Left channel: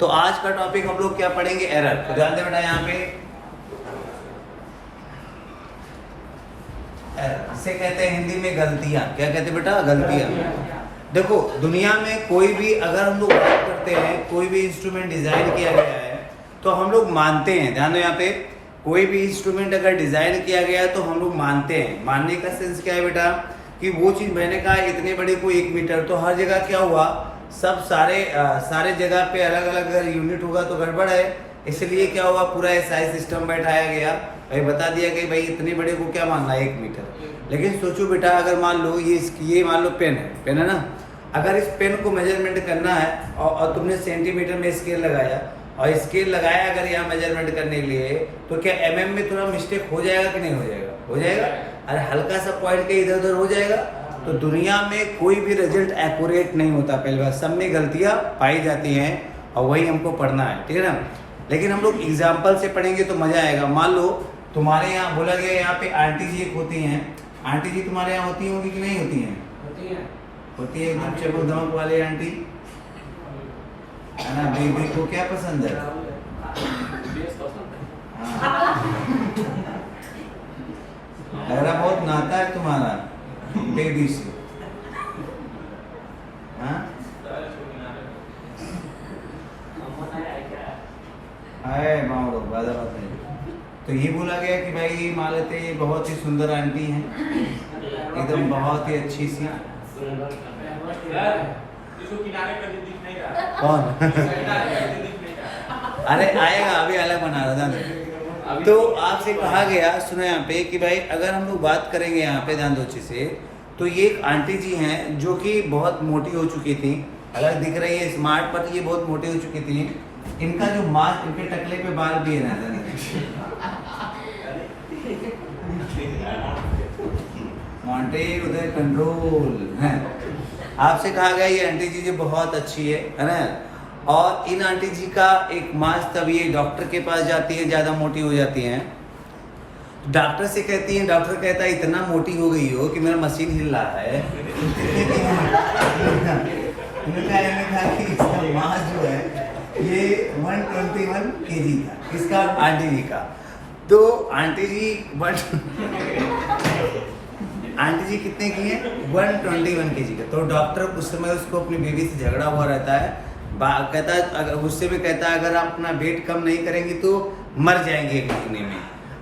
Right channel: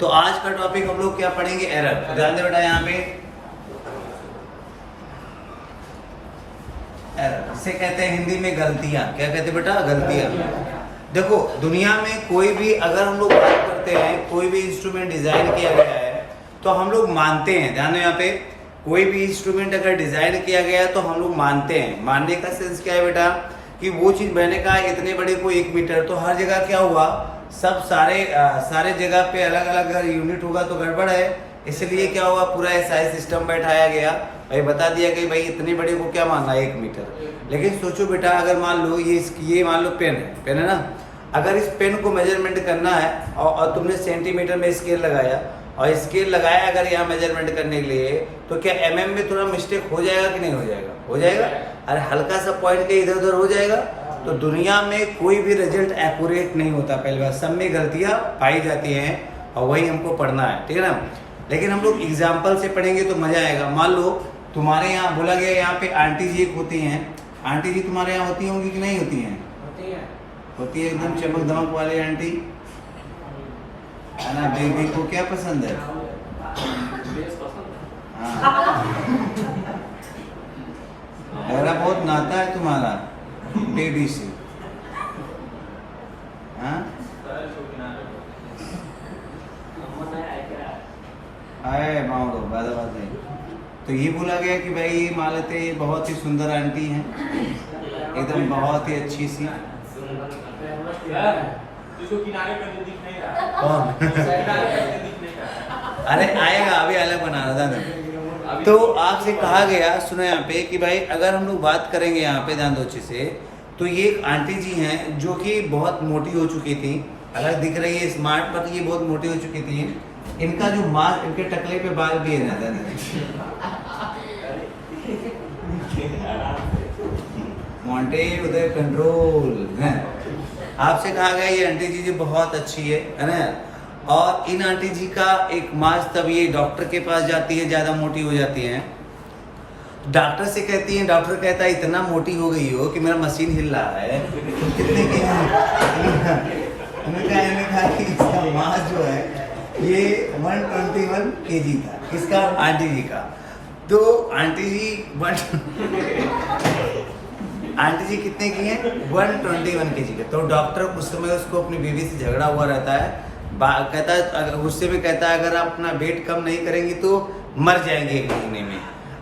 तो आज का टॉपिक हम लोग क्या पढ़ेंगे, एरर। तो ध्यान दे बेटा यहाँ पे एरर, इसे कहते हैं हिंदी में गलतियां। क्या कहते हैं बेटा, गलतियां। देखो दुनिया में कोई भी अगर हम लोग बात करते हैं, कोई भी इंस्ट्रूमेंट डिजाइन किया गया है तो हम लोग मानते हैं, ध्यान दो यहाँ पे, कोई भी इंस्ट्रूमेंट अगर डिजाइन किया गया है तो हम लोग मानते हैं। मानने का सेंस क्या है बेटा, कि वो चीज मैंने कहा इतने बड़े को 1 मीटर, तो हर जगह क्या हुआ, सब सारे जगह पे अलग अलग अगर यूनिट होगा तो गड़बड़ है, इसलिए क्या हुआ, पूरा एसआई सिस्टम बैठाया गया, भाई बता दिया कि भाई इतने बड़े को क्या मानना है 1 मीटर। लेकिन सोचो बेटा, अगर मान लो ये मान लो पेन है ना, अगर इस पेन को मेजरमेंट करना है और तुमने सेंटीमीटर में स्केल लगाया और स्केल लगाया अगर यहाँ मेजरमेंट करने के लिए, तो क्या एमएम में थोड़ा मिस्टेक हो जाएगा कि नहीं हो जाएगा, हो जाएगा। अरे हल्का सा पॉइंट के इधर उधर हो जाएगा। तो दुनिया में कोई भी रिजल्ट एक्यूरेट नहीं होता, पहली बार, सब में गलतियां पाई जाती हैं और वही हमको पढ़ना है, ठीक है ना। लेकिन हम लोग एग्जाम्पल से पढ़ेंगे तो मजा आएगा। मान लो तुम्हारे यहाँ बोला गया, यहाँ पे आंटी जी एक होती हैं, आंटी जी तुम्हारे यहाँ होती होंगी कि नहीं होती हैं? होती है एकदम चमक धमक वाली आंटी, है ना। बेबी को क्या पसंद है? मेरा बहुत नाता है तुम्हारा बेबी से, हाँ? आए मामलो बात नहीं। तो ये बोला गया कि भाई ये मान लेते ये बहुत ही सुंदर आंटी हैं, एकदम बहुत ही अच्छी सी। कौन? अरे आएगा, अभी अलग बना रहा था मैं। तो आपसे कहा गया, सुनो यहाँ पे, कि भाई अगर हम लोग बात करेंगे यहाँ पे ध्यान दो अच्छे से, तो ये एक आंटी जी हैं जो कि बहुत मोटी हो चुकी थी। अगर दिख रही है स्मार्ट, पर ये बहुत मोटी हो चुकी थी। इनका जो मास्क, इनके टकले पे बाल भी है ना, मोंटे उदय कंट्रोल है। आपसे कहा गया ये आंटी जी जो बहुत अच्छी है ना। और इन आंटी जी का एक मास्क, तब ये डॉक्टर के पास जाती है, ज्यादा मोटी हो जाती हैं। डॉक्टर से कहती है, डॉक्टर कहता है इतना मोटी हो गई हो कि मेरा मशीन हिल रहा है। कितने की उन्होंने कहा कि इसका मास्क जो है ये 121 kg था, किसका? आंटी जी का। तो आंटी जी आंटी जी कितने की है? 121 kg का। तो डॉक्टर उस समय उसको अपनी बीवी से झगड़ा हुआ रहता है, कहता है, गुस्से में कहता है अगर आप अपना वेट कम नहीं करेंगी तो मर जाएंगे 1 महीने में।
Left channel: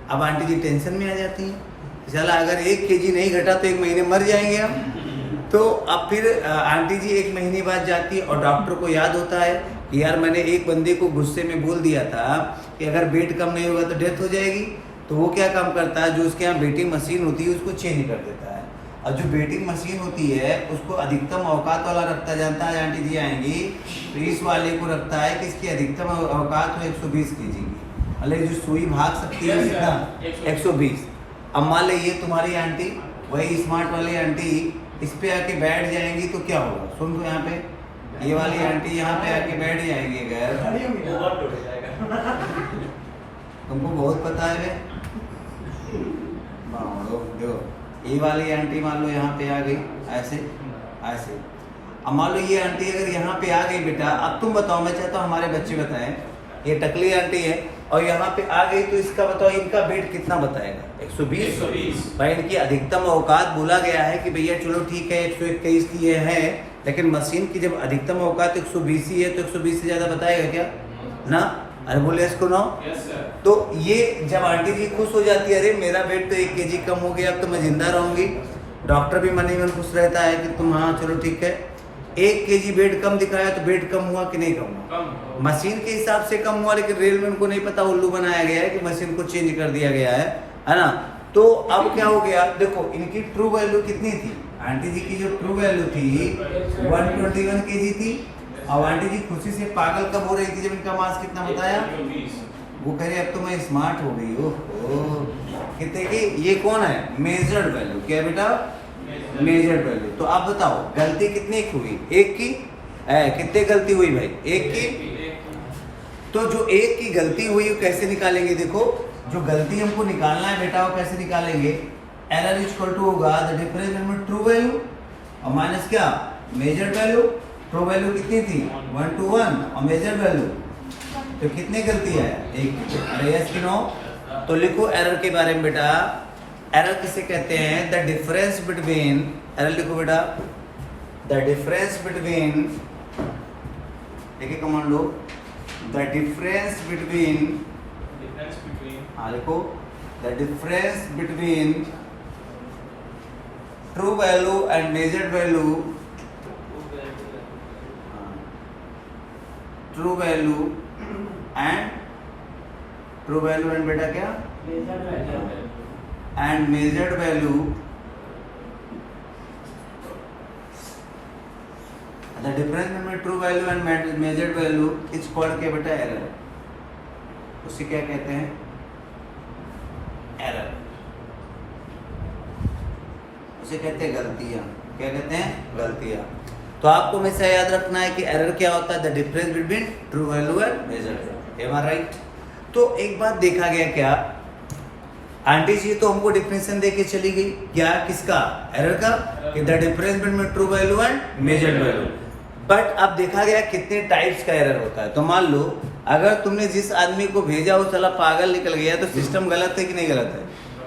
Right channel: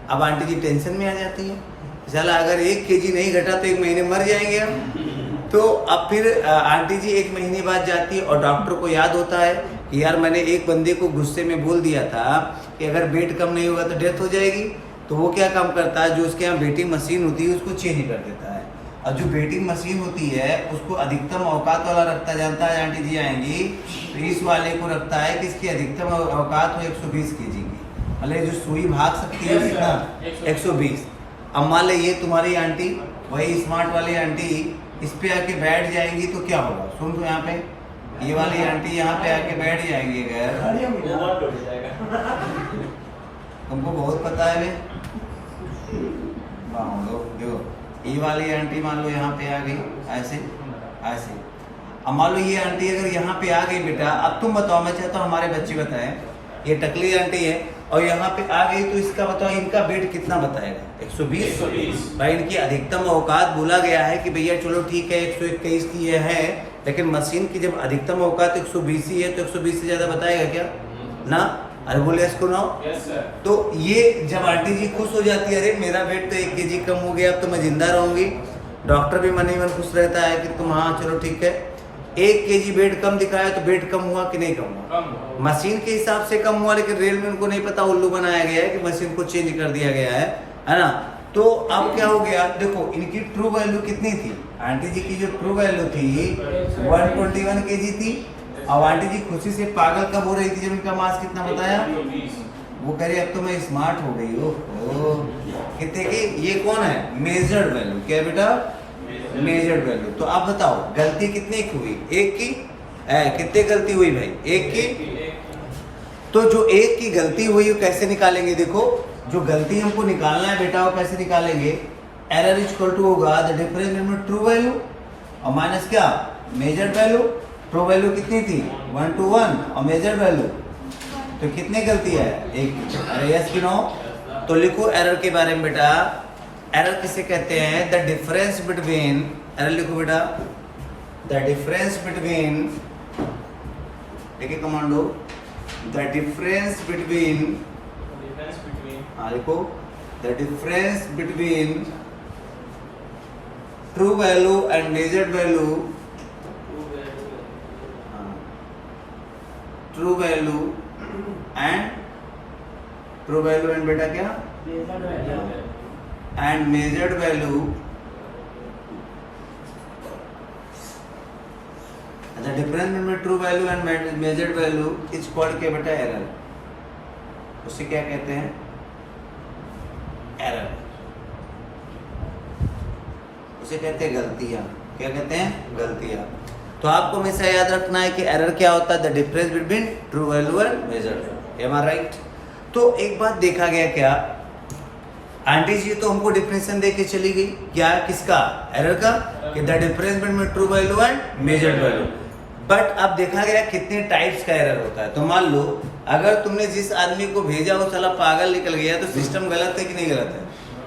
अब आंटी जी टेंशन में आ जाती है, चला अगर 1 kg नहीं घटा तो 1 महीने मर जाएंगे हम। तो अब फिर आंटी जी 1 महीने बाद जाती है और डॉक्टर को याद होता है कि यार मैंने एक बंदे को गुस्से में बोल दिया था कि अगर वेट कम नहीं होगा तो डेथ हो जाएगी। तो वो क्या काम करता है, जो उसके यहाँ वेटिंग मशीन होती है उसको चेंज कर देता है। और जो वेटिंग मशीन होती है उसको अधिकतम औकात वाला रखता, जानता है आंटी जी आएंगी तो इस वाले को रखता है कि इसकी अधिकतम औकात हो 120 kg की, मतलब जो सुई भाग सकती है उसका 120। अब मान लो ये तुम्हारी आंटी, वही स्मार्ट वाली आंटी इस पे आके बैठ जाएंगी तो क्या होगा, सुन दो यहाँ पे, ये वाली आंटी यहाँ पे आके बैठ जाएंगी अगर, तुमको बहुत पता है जो ये वाली आंटी मान लो यहाँ पे आ गई ऐसे ऐसे। अब मान लो ये आंटी अगर यहाँ पे आ गई बेटा, अब तुम बताओ, मैं चाहता हूँ हमारे बच्चे बताएं, ये टकली आंटी है और यहाँ पे आ गई तो इसका बताओ इनका वेट कितना बताएगा? 120। भाई इनकी अधिकतम औकात बोला गया है कि भैया चलो ठीक है 121 की ये है, लेकिन मशीन की जब अधिकतम औकात 120 ही है तो 120 से ज्यादा बताएगा क्या ना? अरे बोले इसको ना। तो ये जब आंटी जी खुश हो जाती है, अरे मेरा वेट तो 1 kg कम हो गया, अब तो मैं जिंदा रहूंगी। डॉक्टर भी मन ही मन खुश रहता है कि तुम हाँ चलो ठीक है, 1 kg वेट कम दिखाया तो वेट कम हुआ कि नहीं कम हुआ? मशीन के हिसाब से कम हुआ, लेकिन रेल में उनको नहीं पता, उल्लू बनाया गया है कि मशीन को चेंज कर दिया गया है ना। तो अब क्या हो गया, देखो इनकी ट्रू वैल्यू कितनी थी, आंटी जी की जो ट्रू वैल्यू थी 121 kg थी। और आंटी जी खुशी से पागल कब हो रही थी, जब इनका मास कितना बताया, वो कह रही अब तो मैं स्मार्ट हो गई हो। कितने की? ये कौन है? Measured value. क्या बेटा? Measured value. तो आप बताओ गलती कितने की हुई? 1 की। कितने गलती हुई भाई? 1 की। तो जो 1 की गलती हुई वो कैसे निकालेंगे? देखो जो गलती हमको निकालना है बेटा वो कैसे निकालेंगे? एरर इज इक्वल टू होगा the difference between true value और माइनस क्या? Measured value. ट्रू वैल्यू कितनी थी 1 to 1 और मेजर वैल्यू तो कितनी गलती है एक। अरे यस कि नो? तो लिखो एरर के बारे में बेटा। एरर किसे कहते हैं? द डिफरेंस बिटवीन, एरर लिखो बेटा, द डिफरेंस बिटवीन, देखिए कमांडो, द डिफरेंस बिटवीन, हाँ लिखो, the difference between true value and measured value, true value and बेटा क्या and measured value, the difference between true value and measured value is called क्या बेटा? Error. उसे क्या कहते हैं? एरर। उसे कहते हैं गलतियां। क्या कहते हैं? गलतियां। तो आपको हमेशा याद रखना है कि एरर क्या होता है? The difference between true value and measured value. Am I right? तो एक बार देखा गया क्या, आंटी जी तो हमको डिफिनेशन दे के चली गई क्या, किसका? एरर का, कि the difference between true value and measured value. But अब देखा गया कितने टाइप्स का एरर होता है। तो मान लो अगर तुमने जिस आदमी को भेजा वो साला पागल निकल गया तो सिस्टम गलत है कि नहीं गलत है?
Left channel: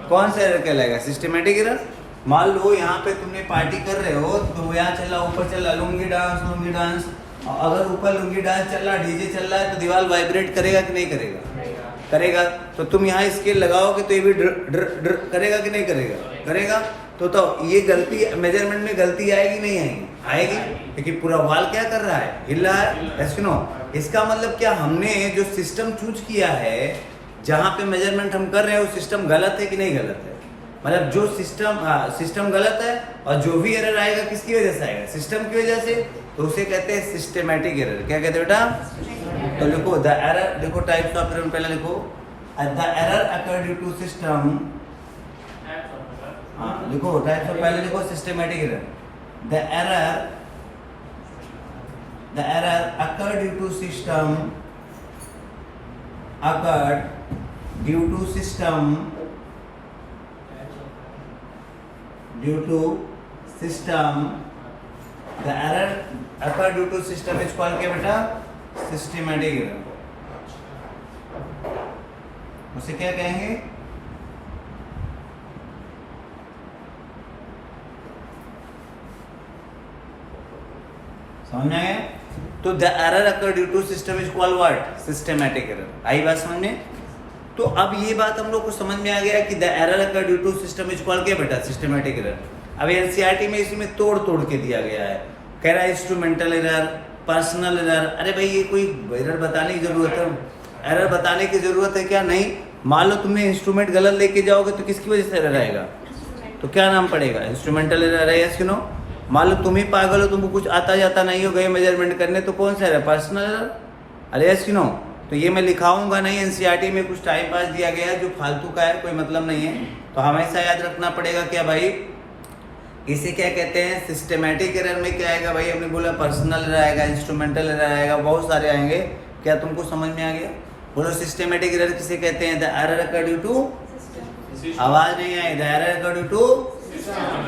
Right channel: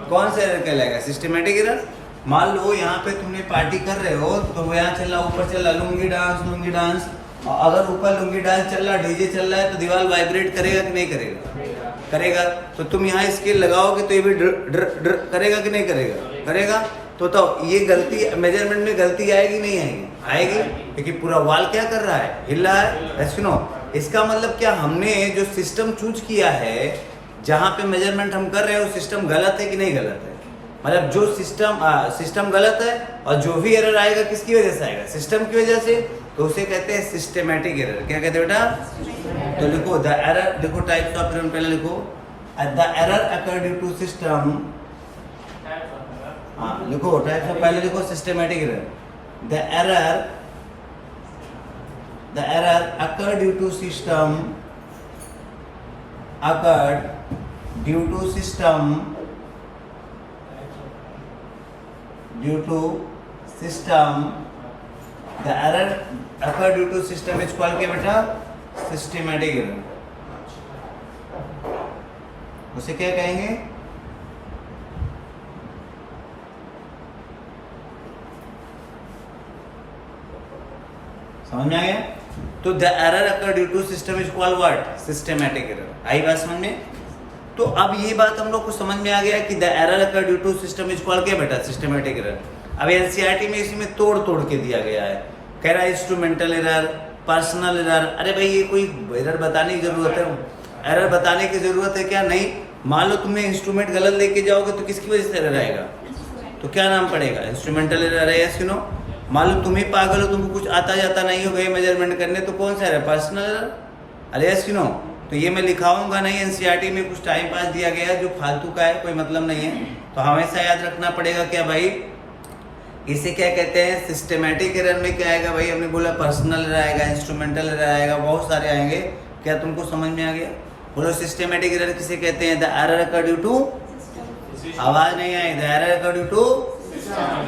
कौन सा एरर कहलाएगा? Systematic error. मान लो यहाँ पे तुमने पार्टी कर रहे हो तो यहाँ चल रहा, ऊपर चल रहा लुंगी डांस, अगर ऊपर लुंगी डांस चल रहा, डीजे चल रहा है तो दीवार वाइब्रेट करेगा कि नहीं करेगा? करेगा। तो तुम यहाँ स्केल लगाओगे तो ये भी ड्र ड्र ड्र करेगा कि नहीं करेगा? करेगा। तो ये गलती, मेजरमेंट में गलती आएगी नहीं आएगी? आएगी, क्योंकि पूरा वॉल क्या कर रहा है? हिल रहा है। सुनो, इसका मतलब क्या, हमने जो सिस्टम चूज किया है जहाँ पे मेजरमेंट हम कर रहे हैं वो सिस्टम गलत है कि नहीं गलत है? मतलब जो सिस्टम गलत है और जो भी एरर आएगा किसकी वजह से आएगा? सिस्टम की वजह से। तो उसे कहते हैं सिस्टेमैटिक एरर। क्या कहते हैं बेटा? तो लिखो द एरर, देखो टाइप्स ऑफ एरर पहले लिखो, the error occur due to system, हाँ लिखो टाइप्स ऑफ, पहले लिखो systematic error. The error occur due to system, occur due to system, due to system, the error occur due to system is called क्या बेटा? Systematic error। उसे क्या कहेंगे? समझ में आ गया? तो the error occur due to system is called what? Systematic error। आई बात समझ में? तो अब ये बात हम लोग को समझ में आ गया कि the error occur due to system is called क्या बेटा? Systematic error. अब एनसीईआरटी में इसमें तोड़ के दिया गया है, कह रहा है इंस्ट्रूमेंटल एरर, पर्सनल एरर। अरे भाई ये कोई एरर बताने की जरूरत है? एरर बताने की जरूरत है क्या? नहीं। मान लो तुमने इंस्ट्रूमेंट गलत लेके जाओगे तो किसकी वजह से एरर आएगा? तो क्या नाम पड़ेगा? इंस्ट्रूमेंटल एरर है। यस कि नो? मान लो तुम ही पागल हो, तुमको कुछ आता जाता नहीं हो, गए मेजरमेंट करने, तो कौन सा एरर? Personal error. अरे यस कि नो? तो ये मैं लिखाऊंगा नहीं, एनसीईआरटी में कुछ टाइम पास दिया गया है जो फालतू का है, कोई मतलब नहीं है। तो हमेशा याद रखना पड़ेगा क्या भाई, इसे क्या कहते हैं? सिस्टेमैटिक एरर में क्या आएगा भाई? हमने बोला पर्सनल एरर आएगा, इंस्ट्रूमेंटल एरर आएगा, बहुत सारे आएंगे। क्या तुमको समझ में आ गया? बोलो सिस्टेमैटिक एरर किसे कहते हैं? The error occur due to, आवाज नहीं आई, the error occur due to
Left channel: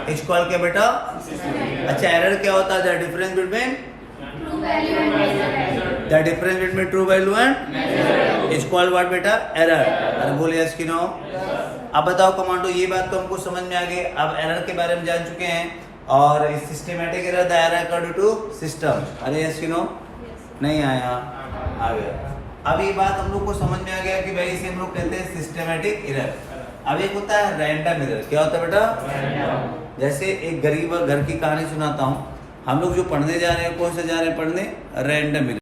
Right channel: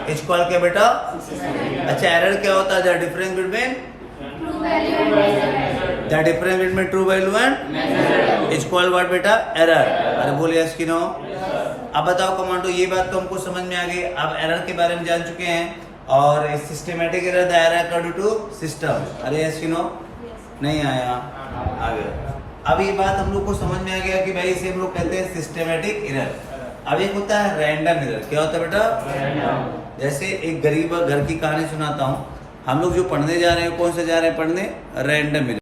is called क्या बेटा? अच्छा, एरर क्या होता है? The difference between true value and is called what बेटा? एरर। अरे बोलिए यस कि नो? अब बताओ कमांडो, ये बात तो हमको समझ में आ गई। अब एरर के बारे में जान चुके हैं और systematic error, the error occur due to system. अरे यस कि नो? नहीं आया? आ गया। अब ये बात हम लोग को समझ में आ गया कि भाई इसे हम लोग कहते हैं सिस्टेमैटिक एरर। अब एक होता है रैंडम एरर। क्या होता है बेटा? जैसे एक गरीब घर की कहानी सुनाता हूँ। हम लोग जो पढ़ने जा रहे हैं, कौन सा जा रहे हैं पढ़ने? Random error.